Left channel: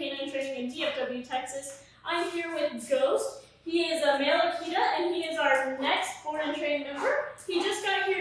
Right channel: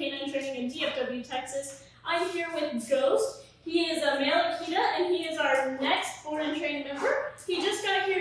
Canine Training in DFW, Texas. I'm here with Ghost. He is a male Akita, and he is our next born and trained member. He just got here